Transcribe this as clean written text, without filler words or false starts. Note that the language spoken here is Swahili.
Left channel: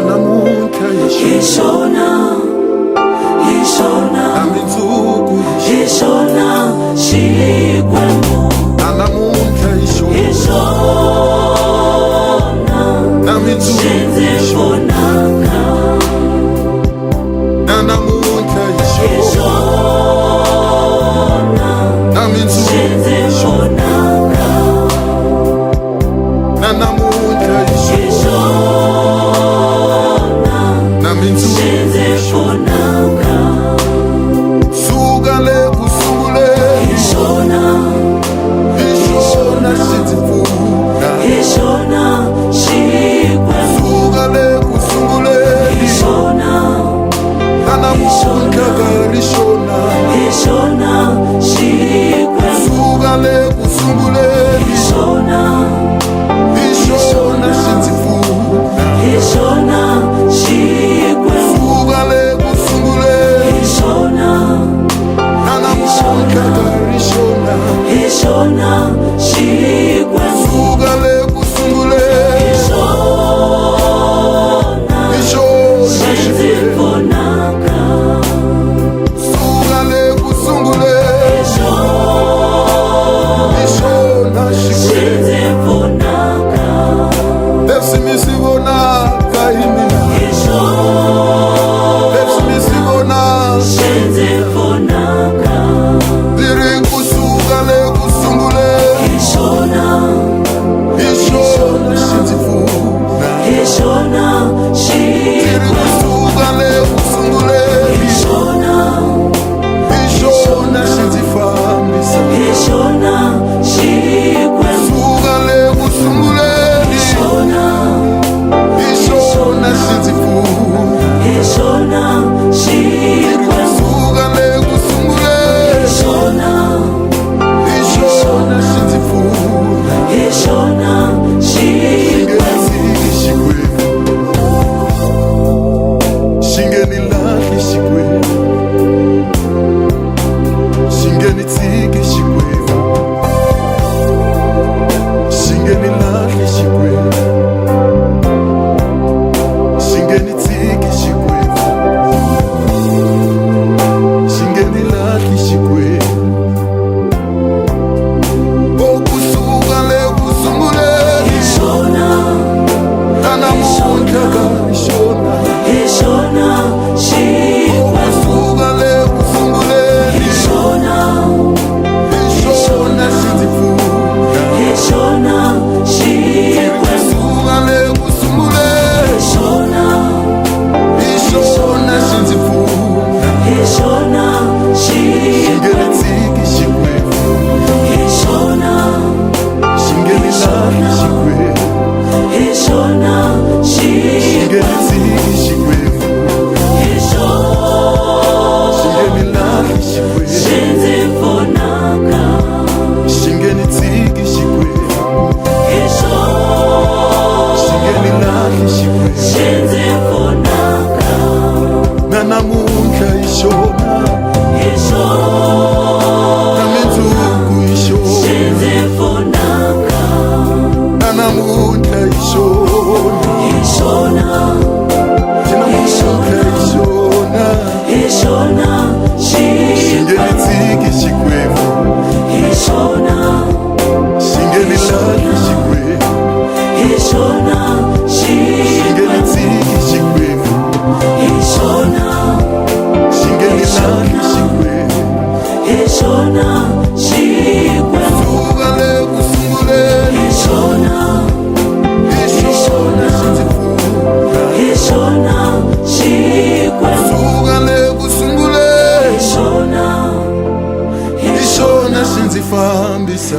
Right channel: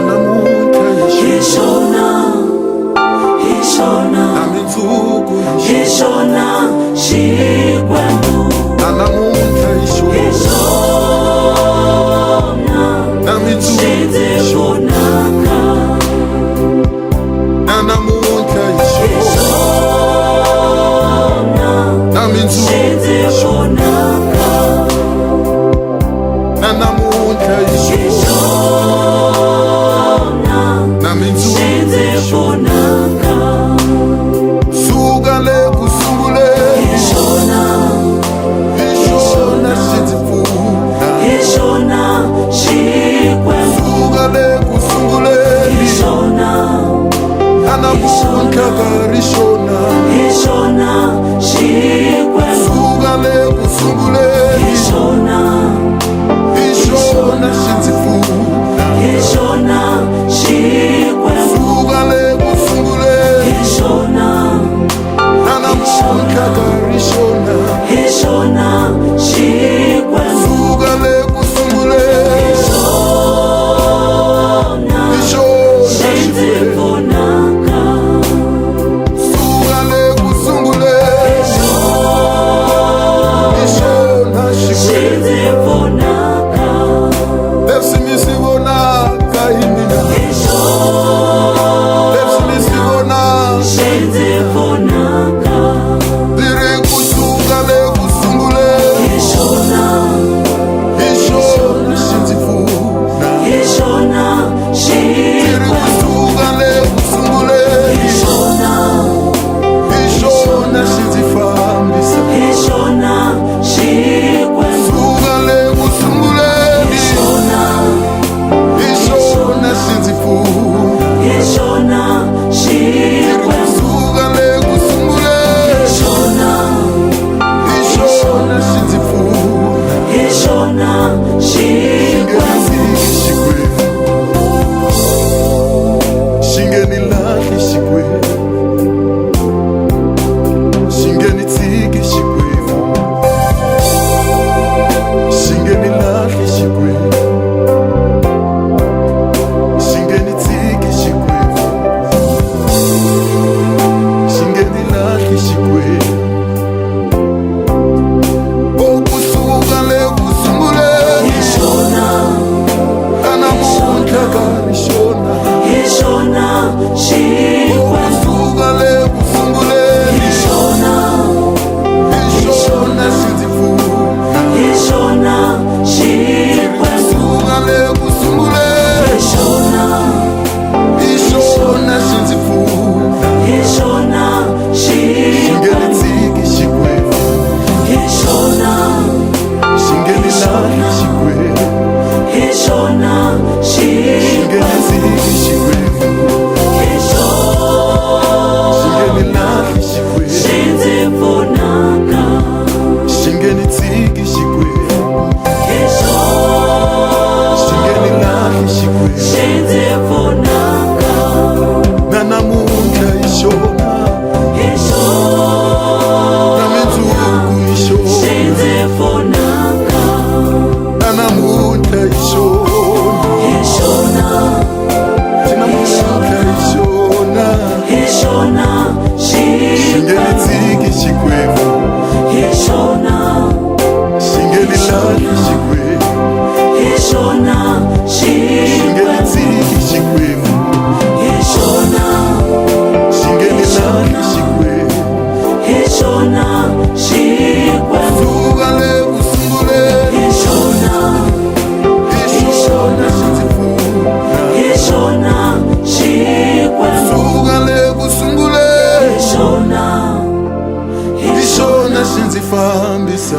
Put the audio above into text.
namuntlha hi xona na mundzuku hi xona Xikwembu namuntlha hi xona na mundzuku hi xona namuntlha hi xona na mundzuku hi xona namuntlha hi xona na mundzuku hi xona suka le ku sunguleni hi xona xi ndzi pfuna suka le ku sunguleni namuntlha ka ri xona suka le ku sunguleni hi xona xi ndzi pfuna suka le ku sunguleni namuntlha ka ri xona suka le ku sunguleni hi xona Xikwembu suka le ku sunguleni hi xona Xikwembu leswi mi swi vonaka hi mina leswi mi swi vonaka hi mina ndzi ri kusuka le ku sunguleni hi xona xi ndzi pfuna ndzi ri kusuka le ku sunguleni hi xona xi ndzi fambisa suka le ku sunguleni hi xona xi ndzi pfuna ndzi ri kusuka le ku sunguleni hi xona xi ndzi pfuna xi nge ni tshiki Xikwembu xi nge ni lahli Xikwembu xi nge ni tshiki Xikwembu xi nge ni lahli Xikwembu xi nge ni tshiki Xikwembu xi nge ni lahli Xikwembu kusuka le ku sunguleni namuntlha ka ri xona kusuka le ku sunguleni hi xona xi ndzi pfuna ndzi ri kusuka le ku sunguleni hi xona xi ndzi pfuna xi nge ni tshiki Xikwembu xi nge ni lahli Xikwembu xi nge ni tshiki Xikwembu xi nge ni lahli Xikwembu xi nge ni tshiki Xikwembu xi nge ni lahli Xikwembu namuntlha hi xona na mundzuku hi xona namuntlha hi xona namuntlha hi xona xi nge ni tshiki Xikwembu xi nge ni lahli Xikwembu xi nge ni tshiki Xikwembu xi nge ni lahli Xikwembu suka le ku sunguleni hi xona xi ndzi pfuna suka le ku sunguleni hi xona xi ndzi fambisa